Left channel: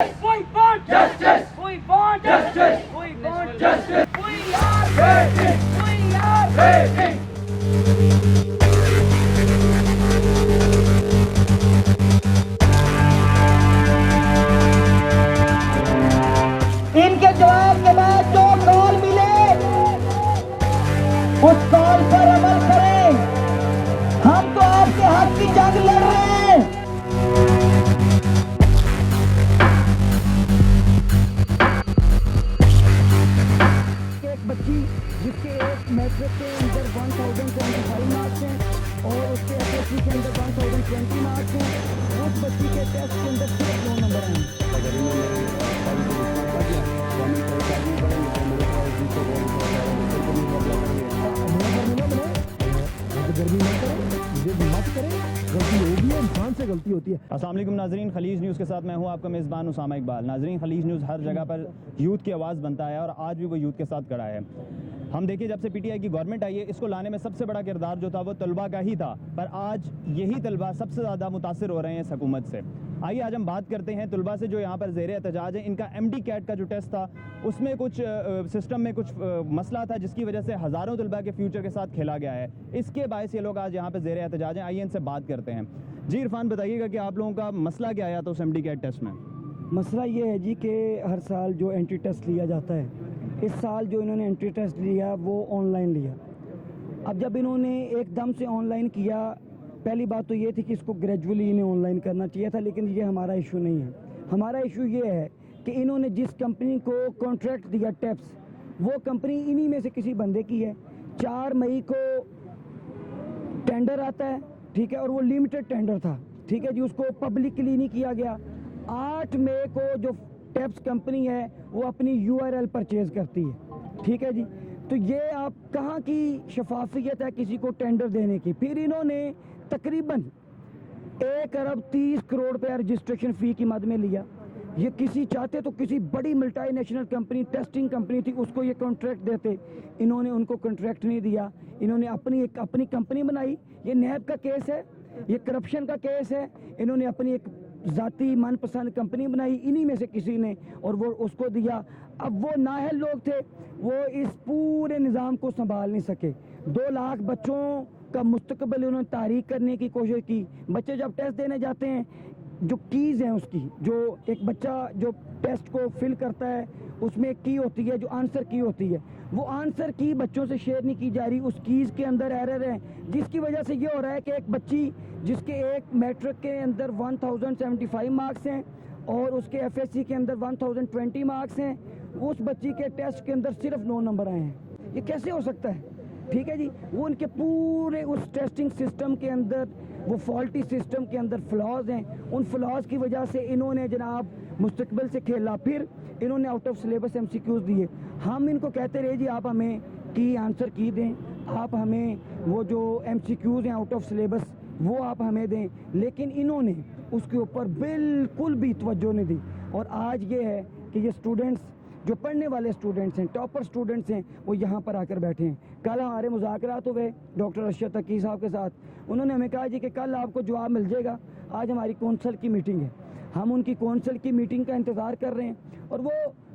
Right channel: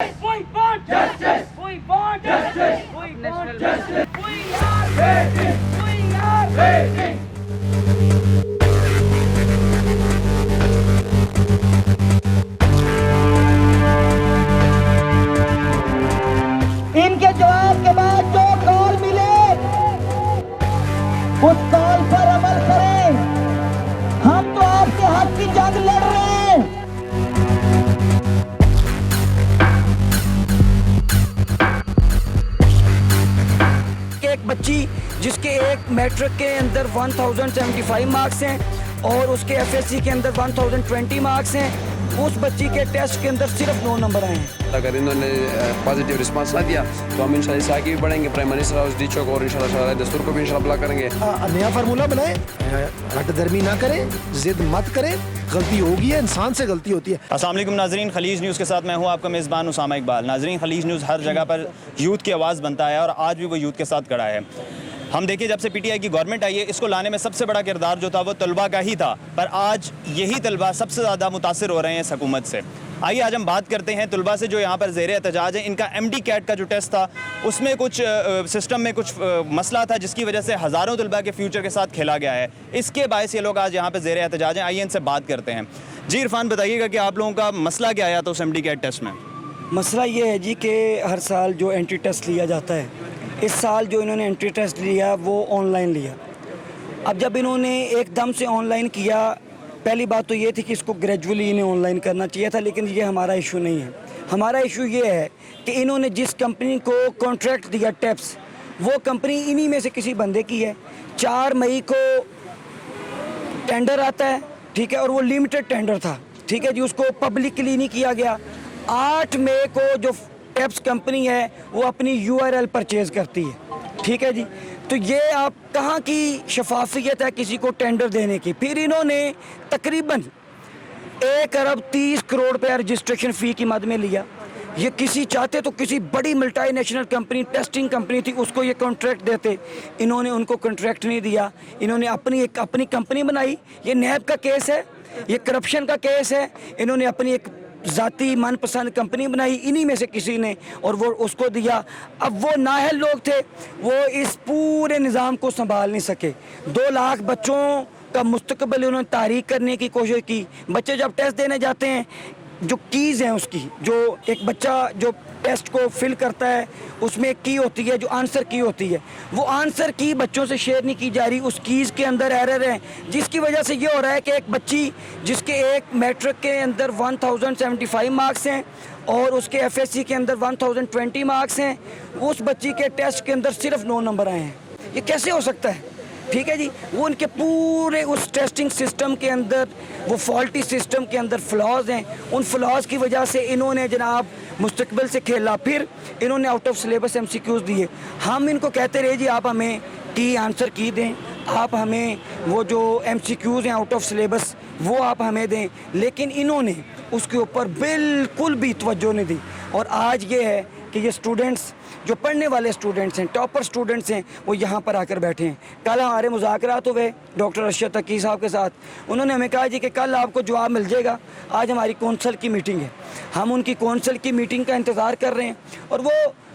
We want justice. We want justice. We want justice. We are waiting. We are waiting. इनके जवाब के बाद जो कॉल मिले उस कॉल पर अमल करें। हम तो आपके हक की जंग लड़ रहे हैं। एक बच्ची जिसके एक मैट्रिक के अंदर 1075 मार्क्स हैं और उसके एसएससी के अंदर 1020 मार्क्स हैं, उस बच्ची के टेस्ट के अंदर सिर्फ 9 नंबर आए हैं। अगर इन्होंने पॉजिटिव रिस्पांस ना दिया तो हम इंशाल्लाह इससे आगे भी बढ़ेंगे। प्राइम मिनिस्टर हाउस डीचो को और इंशाल्लाह दस्तूर को भी इंशाल्लाह अप्लाई करेंगे। नया फार्मूला बनाए, हटदर्मी ना करें, जिद मत करें, गलती होगी है, इंसान से गलती होती है। अस्सलाम वालेकुम नाजरीन, खलीज न्यूज़ के साथ मैं हूं आपका मेज़बान उसामा इकबाल। नाजरीन, खलीज न्यूज़ हर जगह पर यूथ की आवाज़ बनता है और आज भी वो यूथ के साथ खड़ा है। हम देखिए, जब से पीटीआई की गवर्नमेंट आई है, इसको लाने में सबसे बड़ा किरदार जो था वो तलबा का ही था, पर आज यही तलबा सबसे ज़्यादा मुतासिर हो रहे हैं इस हुकूमत से। आइए आज हम बात करते हैं तलबा से जो यहाँ पर ज़ेर एहतजाज है। इनका MD कैट का जो टेस्ट था उसमें कुछ सिस्टम में कुछ मसला था जिसकी वजह से हज़ारों तलबा के फ्यूचर के साथ खेला गया है। इसके बायस ये लोग आज यहाँ पर ज़ेर एहतजाज हैं। आइए इनसे बात करते हैं। जी इरफान, बताइएगा कि आप लोगों का मसला क्या आया था उस MD कैट टेस्ट में? मसला ये है जी कि हर साल जो एंट्री टेस्ट लिया जाता है, इस साल जो इन्होंने एंट्री टेस्ट लिया वो ऑनलाइन लिया। अब जब इन्होंने एकदम से ऑनलाइन किया, पहली बात तो ये थी कि इसको ग्रेजुअली इन्हें ऑनलाइन करना चाहिए था, लेकिन ये हमारा इशू नहीं है। हमारा इशू ये है कि इन्होंने जिस कंपनी को कॉन्ट्रैक्ट दिया टेप्स, वो कंपनी इन्हीं में से किसी बंदे की है। 4 मई को टेंडर आता है, ठीक है, और वो लिमिटेड टेंडर था, ठीक है जी, उसको पब्लिकली नहीं किया गया। 8 मई को जो टेप्स कंपनी है वो अपनी URL परचेज़ करती है, ठीक है जी। तो ये आप कहाँ की शफाफियत है किसी को टेंडर देने की? फिर इन्होंने तकरीबन 1 अरब 30 करोड़ रुपया रजिस्ट्रेशन फ़ी की मद में लिया। ये किसी चाहते तो किसी बड़ी मल्टीनेशनल कंपनी, टेस्टिंग कंपनी थी, उसको ये कॉन्ट्रैक्ट देते। इन्होंने उनको कॉन्ट्रैक्ट नहीं दिया, इन्होंने अपनी कंपनी बनाई। ये नैब का केस है, ये करप्शन का केस है। इन्होंने अपनी एक ज़ाती मनपसंद कंपनी बनाई इन्हीं में से किसी ने, और वो उसको दिया। अब वो नाअहल लोग थे, वो इस पूरे निज़ाम को संभाल नहीं सके। 2 लाख बच्चों का मुस्तकबिल उन्होंने तारीख करने की कोशिश की। बच्चे जब टेस्ट देने जाते हैं, जो कीज़ हैं उसकी, जो एक बच्चा जो टेस्ट को फिल करता है उसमें एक की होती है, जो आंसर की होती है, वो आंसर की बच्चों से शेयर नहीं की जा रही। उस कीज़ के अंदर एरर है, जिसकी वजह से ये हो रहा है कि एक बच्ची जिसके एक मैट्रिक के अंदर 1075 मार्क्स हैं और उसके FSC के अंदर 1020 मार्क्स हैं, उस बच्ची के टेस्ट के अंदर सिर्फ 9 नंबर आए हैं। ये कैसे हो सकता है? ठीक है जी, वो उनके पूरे उस टेस्टिंग सिस्टम के अंदर, वो फॉल्टी सिस्टम के अंदर फ्लॉज हैं। उन फ्लॉज की वजह से इन्होंने जनाब मुस्तकबिल से खेला। फिर इन्होंने आउट ऑफ सिलेबस MCQs दिए। हम इनको कहते रहे जी आप हमें की आंसर की दें, आप हमें वो जो MCQs हैं आउट ऑफ सिलेबस वो आप हमें दें, लेकिन इन्होंने उसके ऊपर बिल्कुल भी तवज्जो नहीं दी। और आज ये है कि ये स्टूडेंट्स जो पढ़ने वाले स्टूडेंट्स हैं, टॉपर स्टूडेंट्स हैं, वो यहाँ पर आकर बैठे हैं। कल हमारे मुज़ाकरात हुए डॉक्टर अरशद तकी साहब के साथ। उन्होंने हमें कहा जी कि कल आपको जवाब मिल जाएगा। आज हमारी कौंसल की मीटिंग है, हम उनकी कौंसल की मीटिंग का इंतज़ार कर रहे हैं, और वो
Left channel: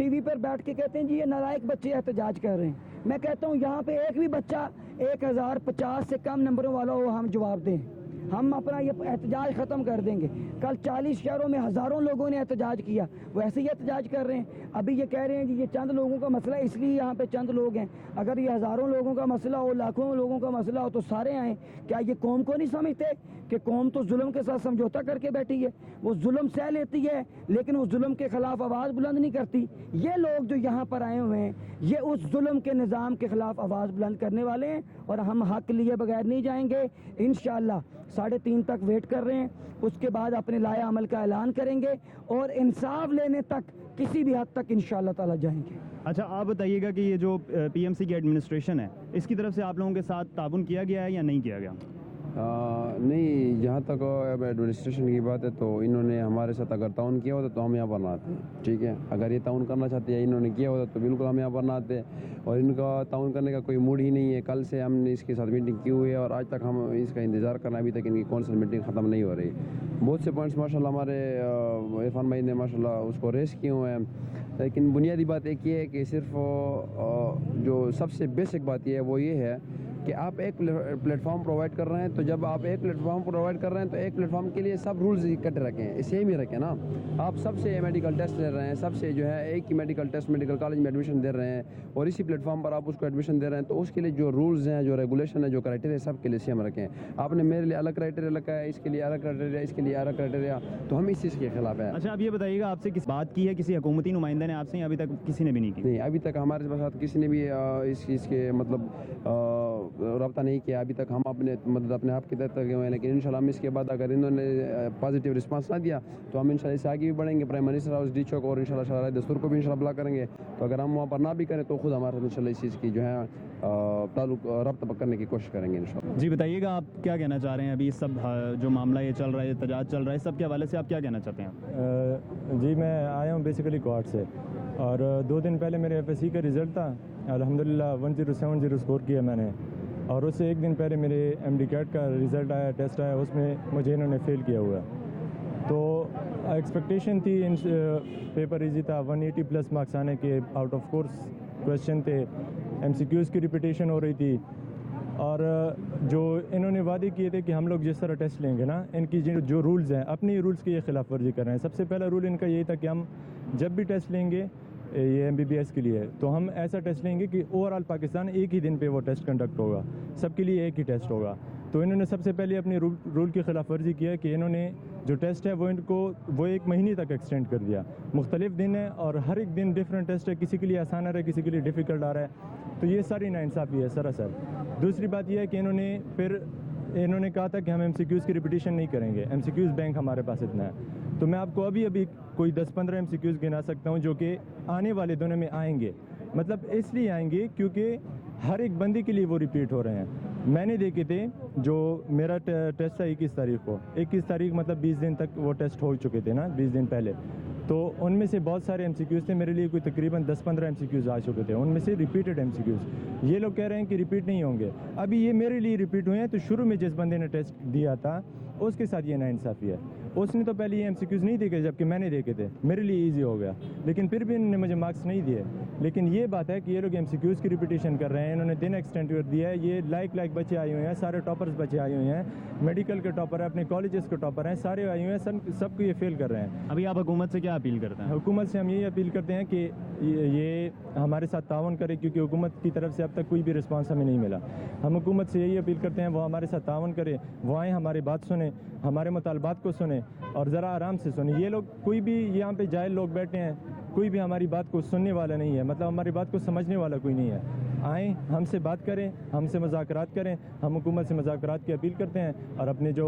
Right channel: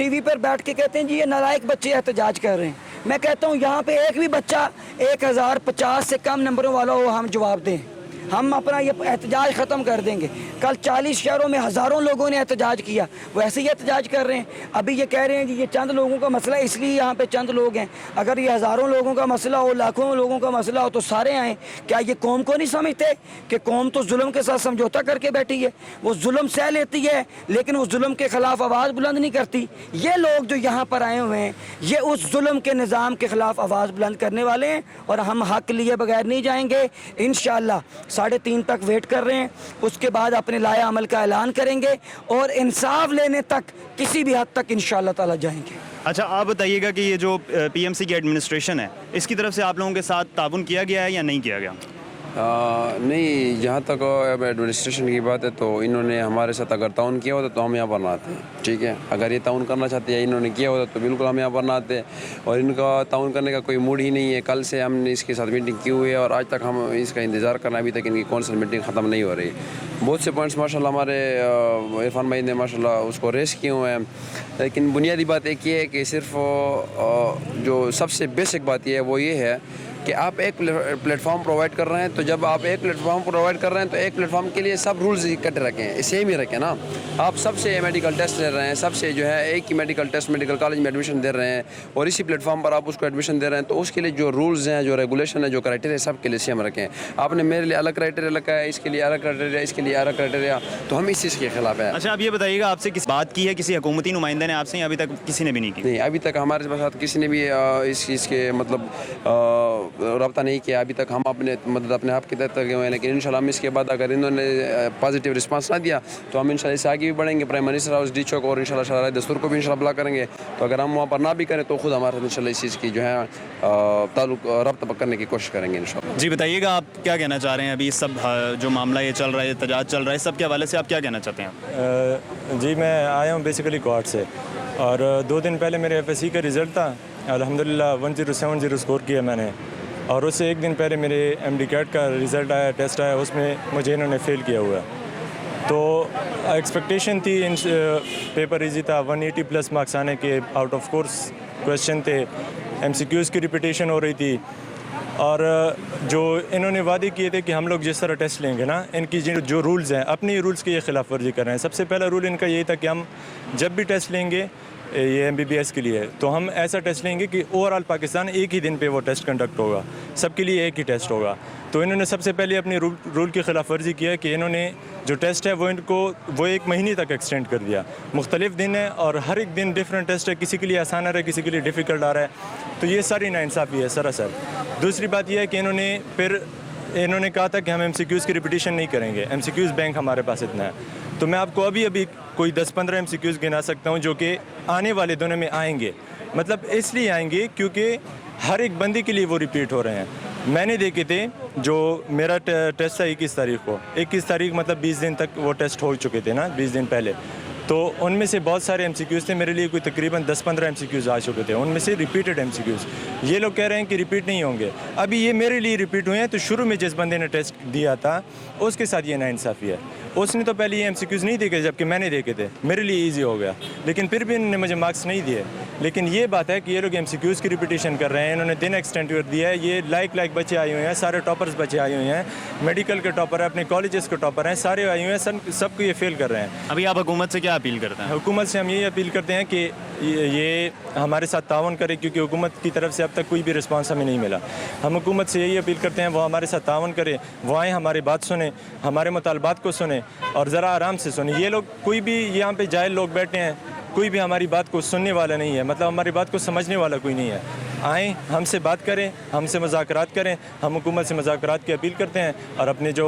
TV पर बैठ के कहते हैं जी ये नालायक बच्चे एहतजाज कर रहे हैं। मैं कहता हूँ यहाँ पे एक भी बच्चा 1050 से कम नंबरों वाला हो, हम जवाब दें, हम अपना ये एहतजाज ख़त्म कर देंगे। कल 40 शहरों में हज़ारों लोगों ने एहतजाज किया, वैसे ही एहतजाज कर रहे हैं। अभी ये कह रहे हैं कि ये चंद लोगों का मसला है, इसलिए यहाँ पे चंद लोग हैं। अगर ये हज़ारों लोगों का मसला हो, लाखों लोगों का मसला हो, तो सारे आएँ। क्या ये कौम को नहीं समझते कि कौम तो जुल्म के साथ समझौता करके बैठी है? वो जुल्म सह लेती है, लेकिन उस जुल्म के ख़िलाफ़ आवाज़ बुलंद नहीं करती। ये लोग जो यहाँ पर आए हुए हैं, ये उस जुल्म के निज़ाम के ख़िलाफ़ आवाज़ बुलंद करने वाले हैं, और हम हक़ लिए बगैर नहीं जाएंगे। इंशाअल्लाह 3:30 तक वेट कर रहे हैं, उसके बाद अपने लाया अमल का ऐलान करेंगे और इंसाफ लेने तक किसी भी हद तक इंशाअल्लाह ताला जाएंगे। अच्छा, आप बताइएगा कि ये जो PMC की एडमिनिस्ट्रेशन है, इसकी तरफ से आप लोगों के साथ ताउन किया गया है या नहीं किया गया? नहीं, जहाँ तक अब एडमिनिस्ट्रेशन की बात है तो इन्होंने हमारे साथ अगर ताउन किया होता तो हम यहाँ पर ना आते, ठीक है। अगर ये ताउन करना चाहते हैं, इन्होंने किया होता तो बिल्कुल हम यहाँ पर ना आते, और इनका ताउन करने का कोई मूड ही नहीं है। कल से हमने इसके साथ मीटिंग की हुई है और आज तक हम इसका इंतज़ार करना, अभी तक इनकी कौंसिल मीटिंग ख़त्म नहीं हो रही। बहुत से पॉइंट्स माशाल्लाह हमारे इरफान भाई ने माशाल्लाह उसको रेस किए हुए हैं, लेकिन बुनियादी बात एक ये है कि सिर्फ जो सबसे बेसिक बात ये है वो ये है कि आप एक प्लेटफॉर्म प्रोवाइड कर रहे हैं, तो जब आप एक प्लेटफॉर्म प्रोवाइड कर रहे हैं तो एक प्लेटफॉर्म के लिए सब रूल्स इकट्ठे रखें, सेम ही रखें ना। आप सबसे मेडिकल टेस्ट ले रहे हैं, सबसे जो है एक ही मेडिकल टेस्ट मेडिकल कॉलेज में एडमिशन दे रहे हैं और इसी प्लेटफॉर्म पर आप उसको एडमिशन दे रहे हैं, तो उसके लिए जो रूल्स हैं, जो रेगुलेशन है, जो क्राइटेरिया सब के लिए सेम रखें। आपने मेरे लिए अलग क्राइटेरिया रखा है, इसके लिए अलग क्राइटेरिया, इसके लिए अलग क्राइटेरिया, तो हम इस चीज़ के खिलाफ है। अच्छा, आप ये बताइएगा, आपसे किस बात की है किसी हुकूमती नुमाइंदे ने आपसे, अभी तक किसी ने भी नहीं की? नहीं, अभी तक हमारे साथ किसी ने भी इस चीज़ के मतलब रब्ता नहीं किया। अभी तक हम अपने अपने आप की तरफ गए हुए हैं, लेकिन इंशाल्लाह हम इसके बाद अगर इन्होंने पॉजिटिव रिस्पांस ना दिया तो हम इंशाल्लाह इससे आगे भी बढ़ेंगे। प्राइम मिनिस्टर हाउस डी चौक और इंशाल्लाह शराय दस्तूर को भी इंशाल्लाह बुला करेंगे, तो अगर हम वहाँ पर ना भी करें तो खुद हमारे साथ इंशाल्लाह इस चीज़ की जो है ताल्लुक रब्ता करने की कोशिश करेंगे इंशाल्लाह। जी बताइएगा, आप क्या कहना चाह रहे हैं? अभी सब जो मामला ये चल रहा है, एहतजाज चल रहा है, सब के हवाले से आप क्या कहना चाहते हैं? जी, मैं आया हूँ बेसिकली कोर्ट से, और 2 दिन पहले मेरे FSC का रिज़ल्ट था, अल्हम्दुलिल्लाह 1070 स्कोर किया मैंने, और उससे 1 दिन पहले मेरे MD कैट का रिज़ल्ट आया, टेस्ट आया, उसमें मुझे इन्होंने फ़ेल किया हुआ है। तो एक्सपेक्टेशन थी, इन पेपर इजी था, 180 प्लस मार्क्स आने के, आउट ऑफ कोर्स क्वेश्चन थे, MCQs की रिपीटेशन हो रही थी, और जो इन्होंने वादे किए थे कि हम लोग जिस तरह टेस्ट लेंगे ना, इनकी जो रूल्स हैं, अपने रूल्स की ये खिलाफ वर्जी कर रहे हैं। सबसे पहला रूल इनका यही था कि हम जब भी टेस्ट लेंगे ये MBBS के लिए, तो हम ऐसा टेस्ट लेंगे कि ओवरऑल पाकिस्तान एक ही दिन पे वो टेस्ट कंडक्ट होगा, सबके लिए एक ही टेस्ट होगा। तो इन्होंने सबसे पहले अपनी रूल की खिलाफ वर्जी किया कि इन्होंने जो टेस्ट है वो 1 महीने तक एक्सटेंड कर दिया। मुख्तलिफ दिन है और हर एक दिन डिफरेंट टेस्ट है, किसी के लिए आसान आ रहा है, किसी के लिए डिफ़िकल्ट आ रहा है, तो ये सारी नाइंसाफ़ी है सरासर। दूसरी बात यह है कि इन्होंने कहा था कि हम MCQs की रिपीटेशन नहीं करेंगे, MCQs बैंक हमारे पास इतना है। तो मैं आपको अभी कोई 10-15 MCQs गिना सकता हूँ जो कि आने वाले दिनों में आएंगे। मतलब इसलिए आएंगे क्योंकि हर एक बंदे के लिए वो रिपीट हो रहे हैं। मैंने देखे थे, जो मेरा टेस्ट था 21 तारीख को, 21 तारीख मतलब 20 दिन तक वो टेस्ट हो चुके थे ना, 20 दिन पहले, तो उनमें से बहुत सारे MCQs थे, मेरे लिए कोई तकरीबन 10-15 MCQs आ चुके थे, उनमें से रिपीटेड MCQs। ये लोग कह रहे हैं कि रिपीट नहीं होंगे, अभी ये मेरे लिए रिपीट हुए हैं। तो शुरू में जिस बंदे ने टेस्ट दिया था उसके साथ ये नाइंसाफ़ी है, उसने तो पहले ये MCQs नहीं देखे जबकि मैंने देखे थे, मेरे लिए ईजी हो गया, लेकिन फिर भी इन्होंने मुझे मार्क्स नहीं दिए। लेकिन ये बात है कि ये लोग MCQs की रिपीटेशन कर रहे हैं, इन्होंने दिन एक्सटेंड कर दिया है। ये लाइक बच्चे आए हुए हैं, सारे टॉपर्स बच्चे आए हुए हैं, मेडिकल के टॉपर हैं, अपने कॉलेजेस के टॉपर हैं, सारे आए हुए हैं, सबको ये फेल कर रहे हैं। अभी आप हुकूमत से क्या अपील करते हैं? हुकूमत से हम यही अपील करते हैं कि ये हमारे साथ तावन करे, क्योंकि हुकूमत की तरफ से अब तक कोई भी रिस्पांस हमें नहीं मिला। हम हुकूमत से यही अपील करते हैं वो हमारे साथ तावन करे, वो आएँ, हमारी बात सुने, हमारे मुतालबात को सुने और ज़रा आराम से सुने। ये लोग कोई भी यहाँ पे जाहिल लोग बैठे हैं, कोई भी हमारी बात को सुनने वाला नहीं है, मतलब हमारी बात को समझने वाला कोई नहीं है। आएँ, हमसे बात करें, हमसे मुज़ाकरात करें। हम हुकूमत से मुज़ाकरात की अपील करते हैं और अपने जो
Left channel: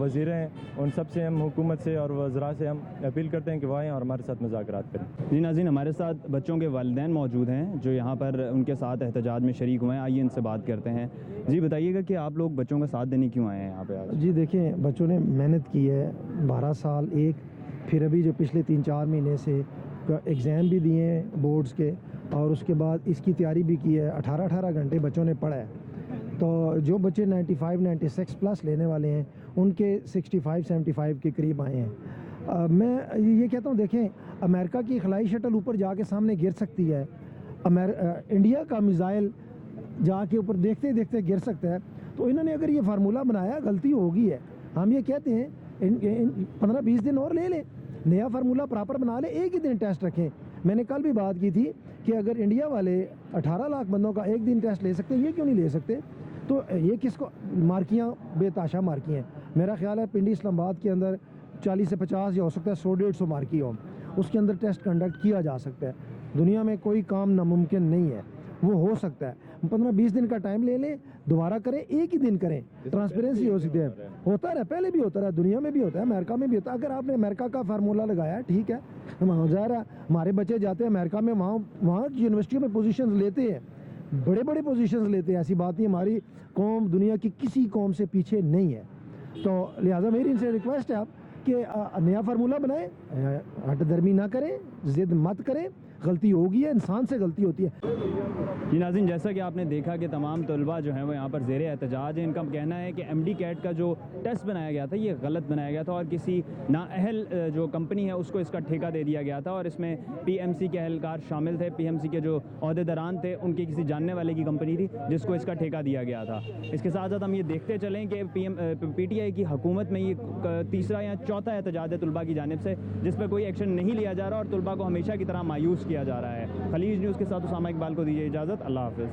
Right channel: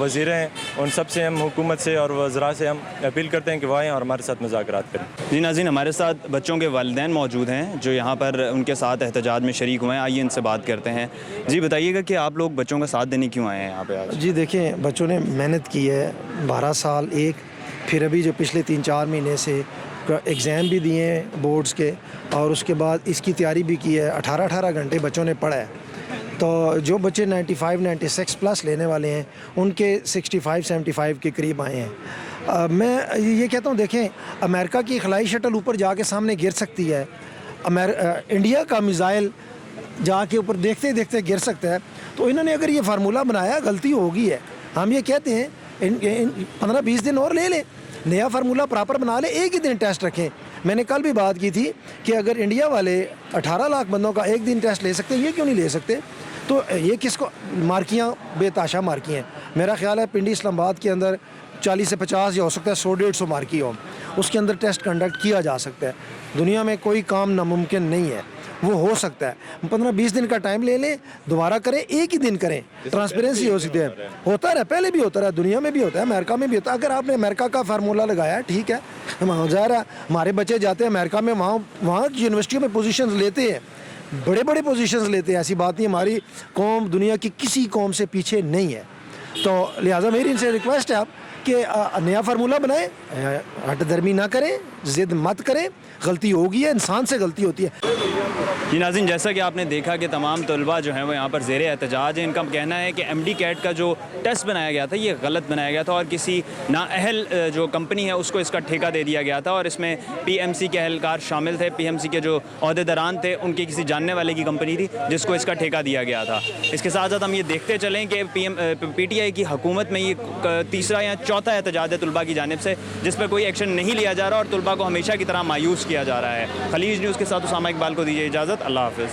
वज़ीर हैं उन सब से हम हुकूमत से और वज़रा से हम अपील करते हैं कि वो आएँ और हमारे साथ मुज़ाकरात करें। जी नाज़रीन, हमारे साथ बच्चों के वालिदैन मौजूद हैं जो यहाँ पर उनके साथ एहतजाज में शरीक हुए हैं। आइए इनसे बात करते हैं। जी बताइएगा कि आप लोग बच्चों का साथ देने क्यों आए हैं यहाँ पे आज? जी देखिए, बच्चों ने मेहनत की है 12 साल, फिर अभी जो पिछले 3-4 महीने से एग्ज़ाम भी दिए हैं बोर्ड्स के, और उसके बाद इसकी तैयारी भी की है। 18-18 घंटे बच्चों ने पढ़ा है। तो जो बच्चे 95-96 प्लस लेने वाले हैं उनके 65-75 के करीब आए हैं। मैं ये कहता हूँ, देखें, अमेरिका की खलाई शटल ऊपर जाके सामने गिर सकती है, इंडिया का मिसाइल जाके ऊपर देखते देखते गिर सकता है। तो इन्होंने अगर ये फार्मूला बनाया, गलती होगी है। हम ये कहते हैं 15-20 दिन और ले लें, नया फार्मूला प्रॉपर बना ले, एक ही दिन टेस्ट रखें। मैंने कल भी बात की थी कि अगर इंडिया वाले 18 लाख बंदों का एक दिन टेस्ट ले सकते हैं, ये क्यों नहीं ले सकते? तो ये किसको मार्कियाँ बेताशा मार्की हैं। मेरा ख्याल है पिंडी इस्लामाबाद के अंदर 40 से 50 या हो सकता है 100-150 मार्की हो, उसके अंदर टेस्ट कंडक्ट किया जा सकता है। दुनिया में कोई काम नामुमकिन नहीं है, वो हो सकता है। 15-20 दिन का टाइम ले लें, दोबारा करें, एक ही दिन करें, ट्रांसपेरेंसी हो सकती है। होता रहा, पहले भी होता रहा, दुनिया में भी होता है, अमेरिका में भी होता है। अगर आपने अमेरिका का फार्मूला लगाया, ठीक है, वहाँ जा रहा है, हमारे बच्चे जाते हैं अमेरिका में, वहाँ की यूनिवर्सिटियों में पोजीशंस लेते हैं, बड़े बड़े पोजीशंस लेते हैं, ऐसी बात नहीं, हमारी कौम दुनिया की किसी कौम से पीछे नहीं है। तो लिहाजा मेरी इनसे रिक्वेस्ट है आप कि नया फार्मूला बनाएं, हट दर्मी ना करें, ज़िद मत करें, गलती होगी है, इंसान से गलती होती है। जी नाज़रीन, जैसा कि आपने देखा कि तमाम तलबा जो हैं वो यहाँ पर ज़ेरे एहतजाज हैं। इनका कहना है कि MD कैट का जो टेस्ट बनाया गया था ये गलत बनाया गया था और किसी नाअहल जो कंपनी है उसको इसका ठेका दे दिया गया था और इसमें PMC के अहलकार शामिल थे। PMC के जो अहदेदारान थे उनके किसी जानने वाले की कंपनी थी जिसको इसका ठेका दिया गया था। इसके साथ साथ हम ये देखते चलें कि PTI की हुकूमत में ये तीसरा या चौथा एहतजाज है तलबा की जानिब से जिस पर कोई एक्शन नहीं लिया जा रहा और तलबा को हमेशा की तरह मायूस किया जा रहा है। खलीज न्यूज़ के साथ उसामा इकबाल को दीजिए इजाज़त। अल्लाह हाफ़िज़।